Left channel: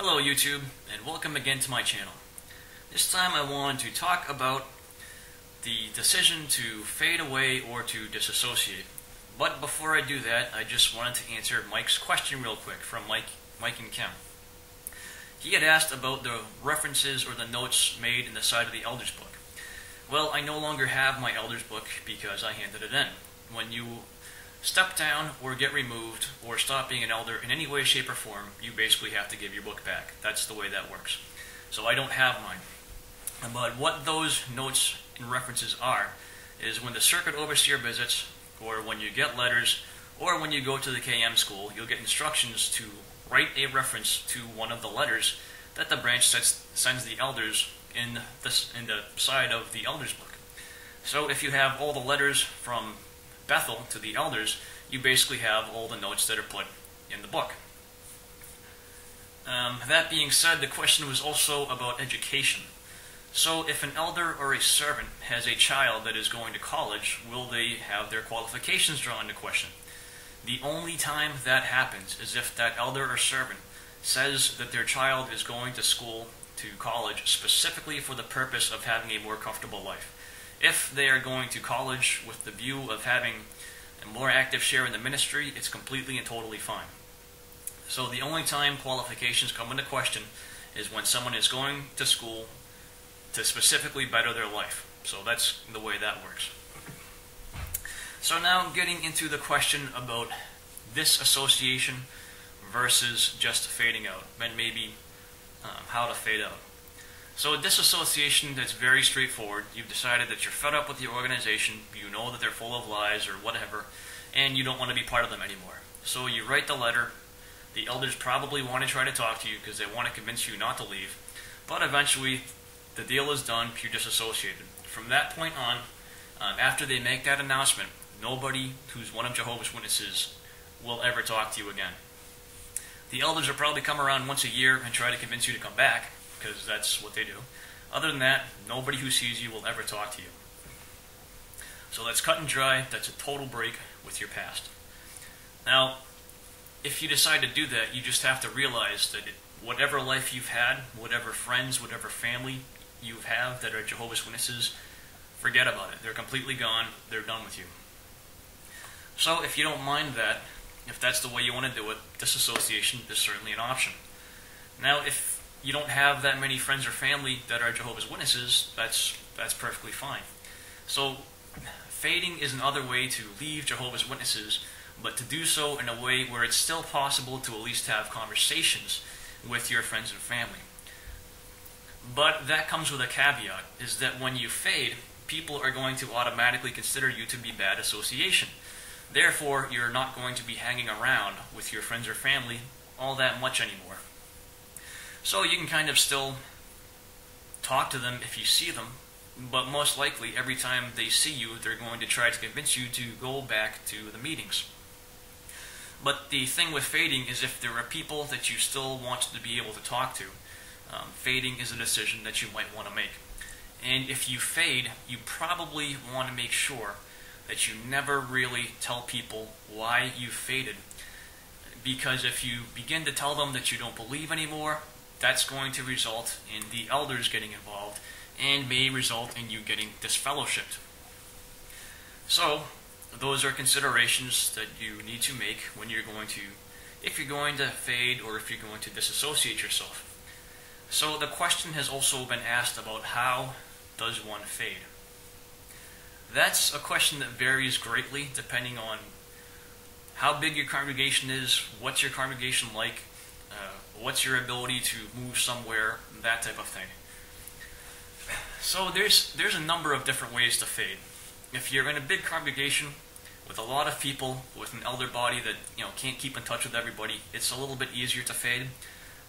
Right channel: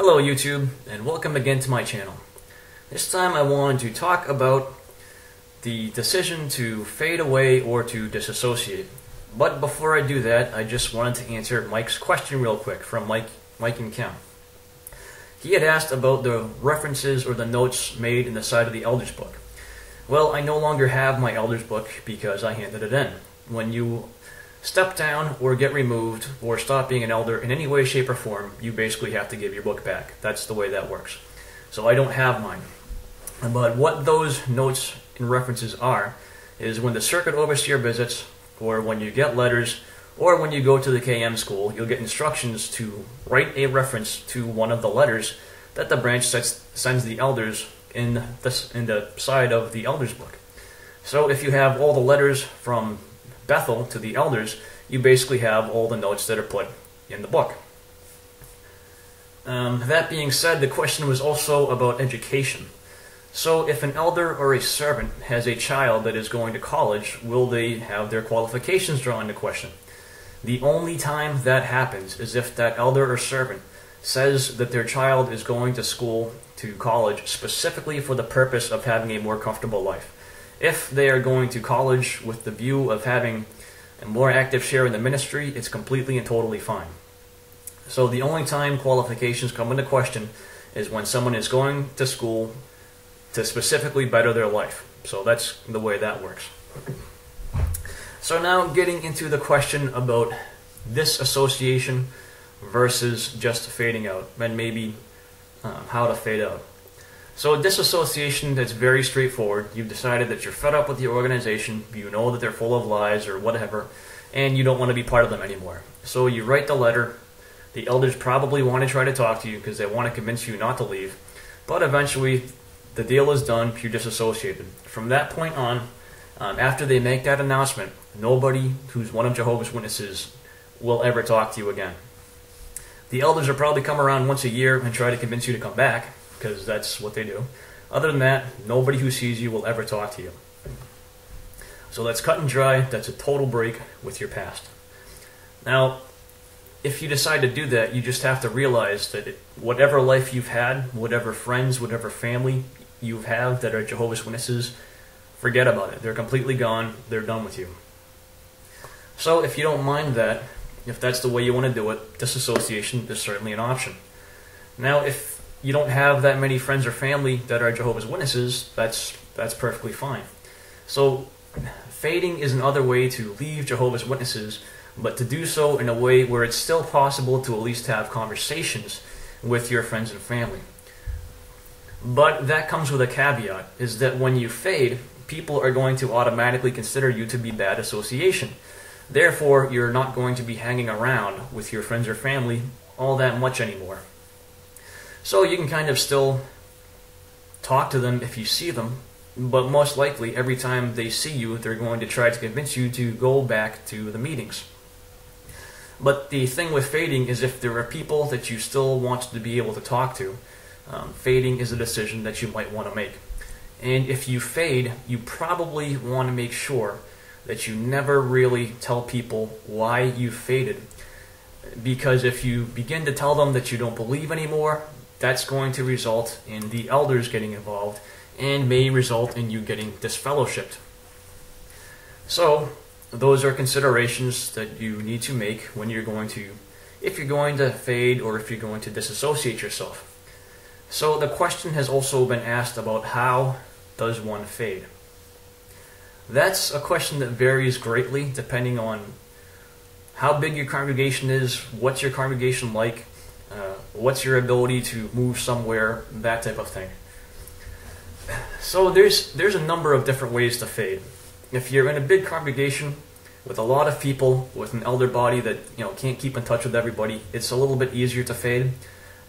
Hello YouTube, and welcome again to my channel. This time I wanted to talk about the decision to fade away or to disassociate. But before I do that, I just wanted to answer Mike's question real quick from Mike and Kim. He had asked about the references or the notes made in the side of the Elders book. Well, I no longer have my Elders book because I handed it in. When you step down or get removed or stop being an elder in any way, shape, or form, you basically have to give your book back. That's the way that works. So I don't have mine. But what those notes and references are is when the circuit overseer visits, or when you get letters, or when you go to the KM school, you'll get instructions to write a reference to one of the letters that the branch sends the elders in the side of the elders book. So if you have all the letters from Bethel to the elders, you basically have all the notes that are put in the book. That being said, the question was also about education. So if an elder or a servant has a child that is going to college, will they have their qualifications drawn into question? The only time that happens is if that elder or servant says that their child is going to school, to college, specifically for the purpose of having a more comfortable life. If they are going to college with the view of having a more active share in the ministry, it's completely and totally fine. So the only time qualifications come into question is when someone is going to school to specifically better their life. So that's the way that works. So now getting into the question about disassociation versus just fading out, and maybe how to fade out. So disassociation, that's very straightforward. You've decided that you're fed up with the organization, you know that they're full of lies or whatever, and you don't want to be part of them anymore. So you write the letter. The elders probably want to try to talk to you because they want to convince you not to leave, but eventually the deal is done, you're disassociated. From that point on, after they make that announcement, nobody who's one of Jehovah's Witnesses will ever talk to you again. The elders will probably come around once a year and try to convince you to come back, because that's what they do. Other than that, nobody who sees you will ever talk to you. So that's cut and dry. That's a total break with your past. Now, if you decide to do that, you just have to realize that whatever life you've had, whatever friends, whatever family you have that are Jehovah's Witnesses, forget about it. They're completely gone. They're done with you. So if you don't mind that, if that's the way you want to do it, disassociation is certainly an option. Now, if you don't have that many friends or family that are Jehovah's Witnesses, that's perfectly fine. So fading is another way to leave Jehovah's Witnesses, but to do so in a way where it's still possible to at least have conversations with your friends and family. But that comes with a caveat, is that when you fade, people are going to automatically consider you to be bad association. Therefore, you're not going to be hanging around with your friends or family all that much anymore. So you can kind of still talk to them if you see them, but most likely every time they see you, they're going to try to convince you to go back to the meetings. But the thing with fading is if there are people that you still want to be able to talk to, fading is a decision that you might want to make. And if you fade, you probably want to make sure that you never really tell people why you faded. Because if you begin to tell them that you don't believe anymore, that's going to result in the elders getting involved and may result in you getting disfellowshipped. So those are considerations that you need to make when you're going to, if you're going to fade or if you're going to disassociate yourself. So the question has also been asked about how does one fade? That's a question that varies greatly depending on how big your congregation is, what's your congregation like, what's your ability to move somewhere, that type of thing. So there's a number of different ways to fade. If you're in a big congregation with a lot of people, with an elder body that can't keep in touch with everybody, it's a little bit easier to fade.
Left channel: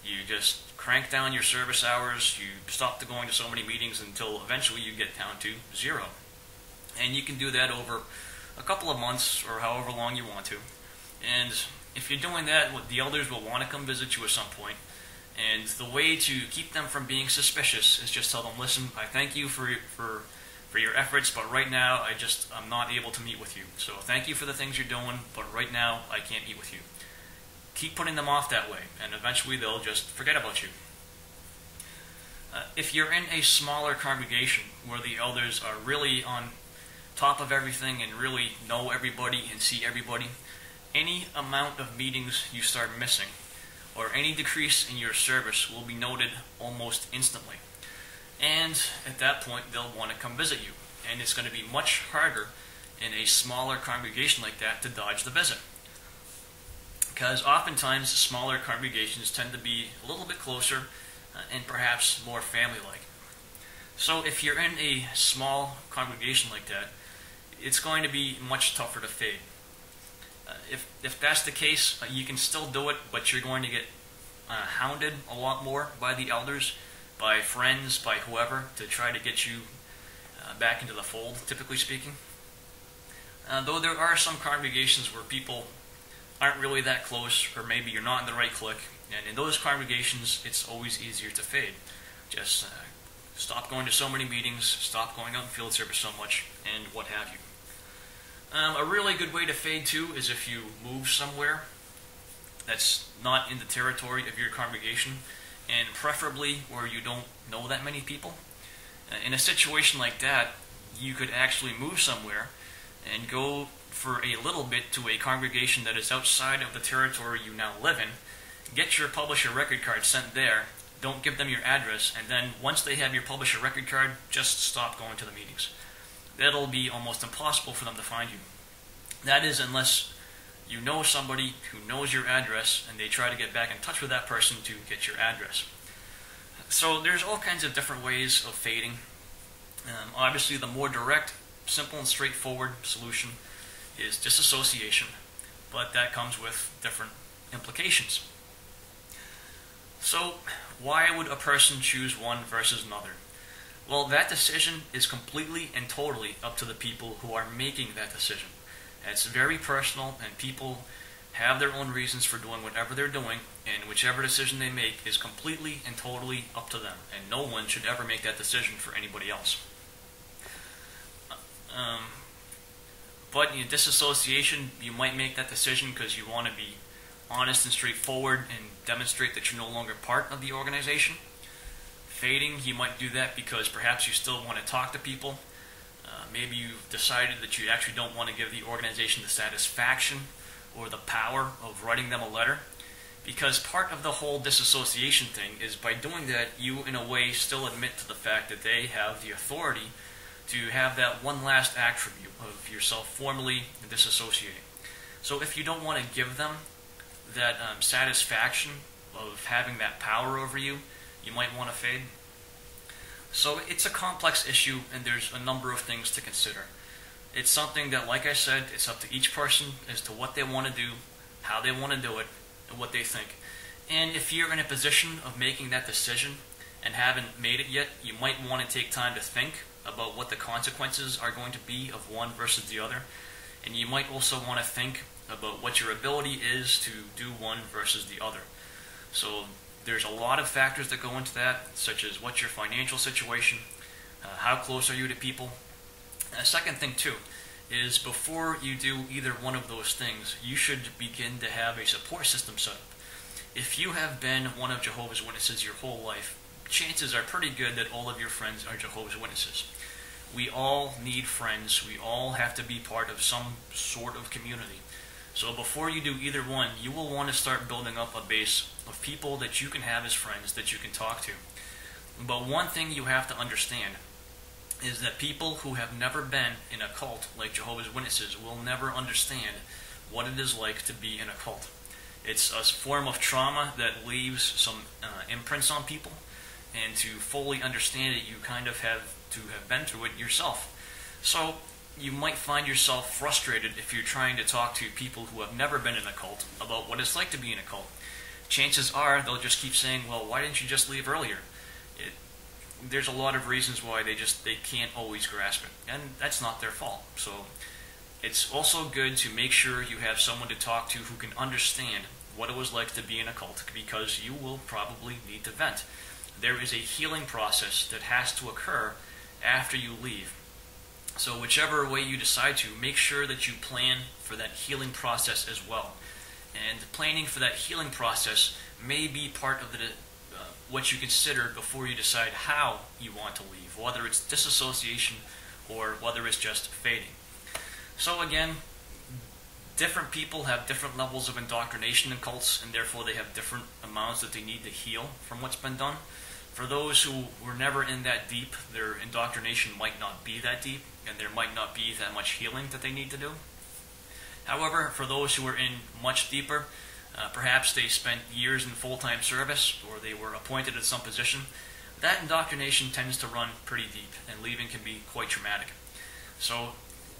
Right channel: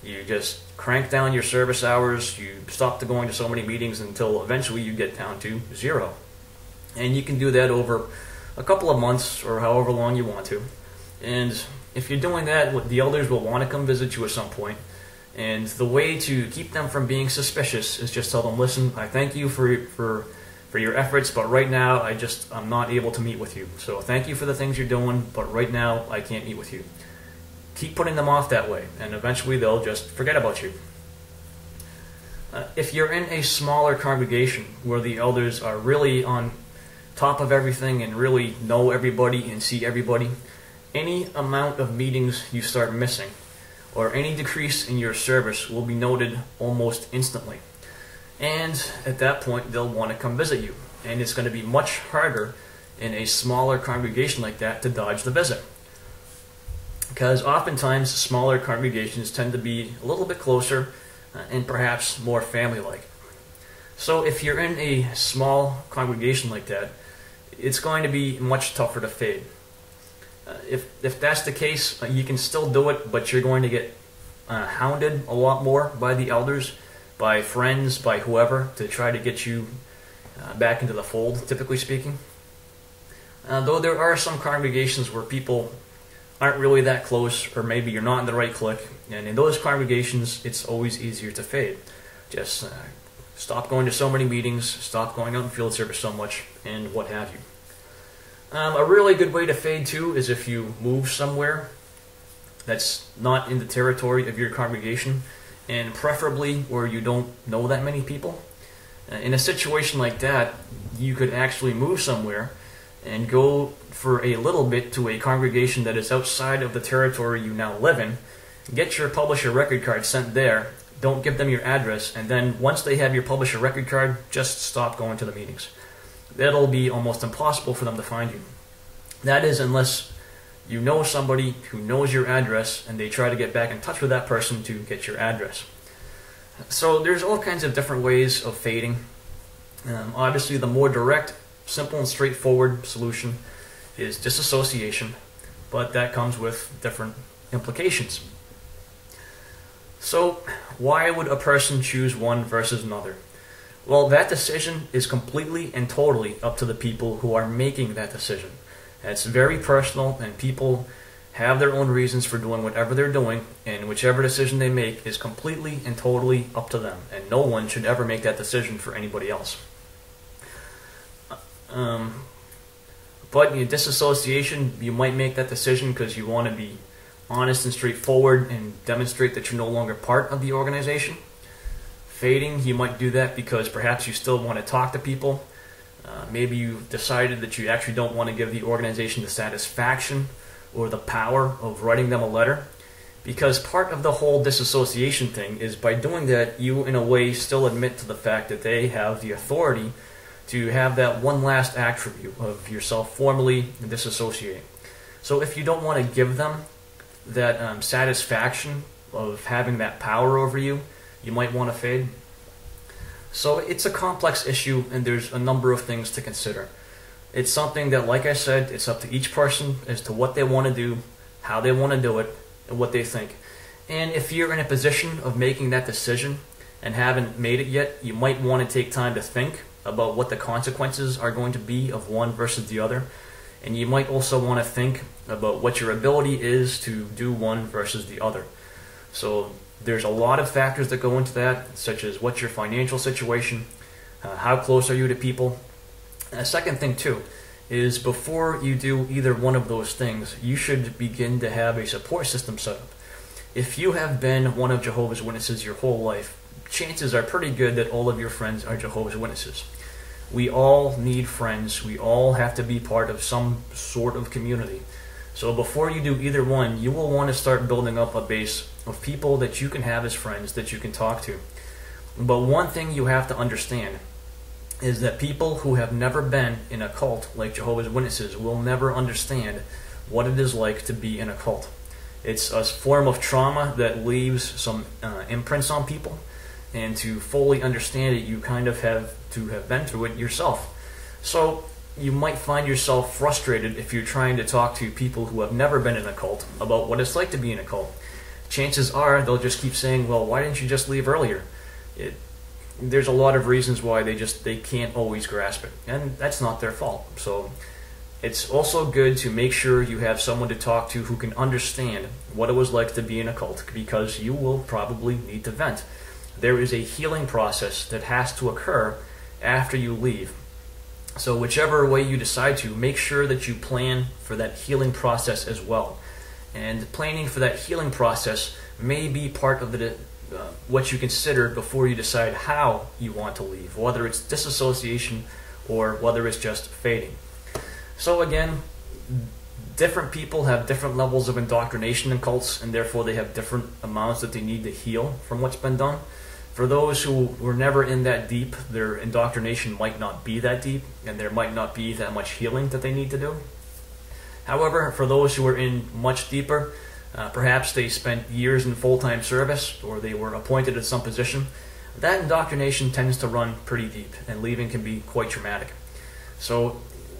You just crank down your service hours, you stop going to so many meetings until eventually you get down to 0. And you can do that over a couple of months or however long you want to. And if you're doing that, the elders will want to come visit you at some point. And the way to keep them from being suspicious is just tell them, listen, I thank you for your efforts, but right now I'm not able to meet with you. So thank you for the things you're doing, but right now I can't meet with you. keep putting them off that way, and eventually they'll just forget about you. If you're in a smaller congregation where the elders are really on top of everything and really know everybody and see everybody, any amount of meetings you start missing or any decrease in your service will be noted almost instantly. And at that point, they'll want to come visit you. And it's going to be much harder in a smaller congregation like that to dodge the visit. Because oftentimes, smaller congregations tend to be a little bit closer and perhaps more family-like. So if you're in a small congregation like that, it's going to be much tougher to fade. If that's the case, you can still do it, but you're going to get hounded a lot more by the elders, by friends, by whoever, to try to get you back into the fold, typically speaking. Though there are some congregations where people aren't really that close, or maybe you're not in the right clique, and in those congregations, it's always easier to fade. Just stop going to so many meetings, stop going out in field service so much, and what have you. A really good way to fade too is if you move somewhere that's not in the territory of your congregation, and preferably where you don't know that many people. In a situation like that, you could actually move somewhere and go for a little bit to a congregation that is outside of the territory you now live in, get your publisher record card sent there, don't give them your address, and then once they have your publisher record card, just stop going to the meetings. That'll be almost impossible for them to find you. That is, unless you know somebody who knows your address and they try to get back in touch with that person to get your address. So there's all kinds of different ways of fading. Obviously, the more direct, simple, and straightforward solution is disassociation, but that comes with different implications. So why would a person choose one versus another? Well, that decision is completely and totally up to the people who are making that decision. It's very personal, and people have their own reasons for doing whatever they're doing, and whichever decision they make is completely and totally up to them, and no one should ever make that decision for anybody else. But in disassociation, you might make that decision because you want to be honest and straightforward and demonstrate that you're no longer part of the organization. Fading, you might do that because perhaps you still want to talk to people. Maybe you've decided that you actually don't want to give the organization the satisfaction or the power of writing them a letter. Because part of the whole disassociation thing is by doing that, you in a way still admit to the fact that they have the authority to have that one last attribute of yourself formally disassociating. So if you don't want to give them that satisfaction of having that power over you, you might want to fade. So it's a complex issue, and there's a number of things to consider. It's something that, like I said, it's up to each person as to what they want to do, how they want to do it, and what they think. And if you're in a position of making that decision and haven't made it yet, you might want to take time to think about what the consequences are going to be of one versus the other. And you might also want to think about what your ability is to do one versus the other. So there's a lot of factors that go into that, such as what's your financial situation, how close are you to people. And a second thing too is before you do either one of those things, you should begin to have a support system set up. If you have been one of Jehovah's Witnesses your whole life, chances are pretty good that all of your friends are Jehovah's Witnesses. We all need friends. We all have to be part of some sort of community. So before you do either one, you will want to start building up a base of people that you can have as friends that you can talk to. But one thing you have to understand is that people who have never been in a cult like Jehovah's Witnesses will never understand what it is like to be in a cult. It's a form of trauma that leaves some imprints on people, and to fully understand it, you kind of have to have been through it yourself. So you might find yourself frustrated if you're trying to talk to people who have never been in a cult about what it's like to be in a cult. Chances are they'll just keep saying, well, why didn't you just leave earlier? There's a lot of reasons why they can't always grasp it, and that's not their fault. So it's also good to make sure you have someone to talk to who can understand what it was like to be in a cult, because you will probably need to vent. There is a healing process that has to occur after you leave. So whichever way you decide to, make sure that you plan for that healing process as well. And planning for that healing process may be part of what you consider before you decide how you want to leave, whether it's disassociation or whether it's just fading. So again, different people have different levels of indoctrination in cults, and therefore they have different amounts that they need to heal from what's been done. For those who were never in that deep, their indoctrination might not be that deep, and there might not be that much healing that they need to do. However, for those who are in much deeper, perhaps they spent years in full-time service, or they were appointed at some position, that indoctrination tends to run pretty deep, and leaving can be quite traumatic. So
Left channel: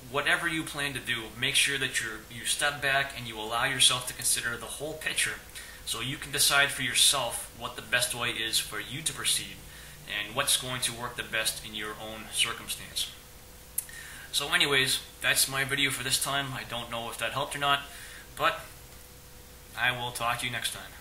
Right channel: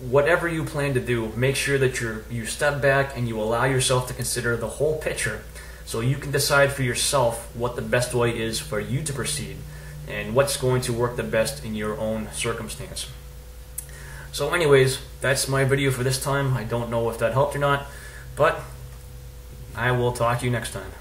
whatever you plan to do, make sure that you step back and you allow yourself to consider the whole picture, so you can decide for yourself what the best way is for you to proceed and what's going to work the best in your own circumstance. So anyways, that's my video for this time. I don't know if that helped or not, but I will talk to you next time.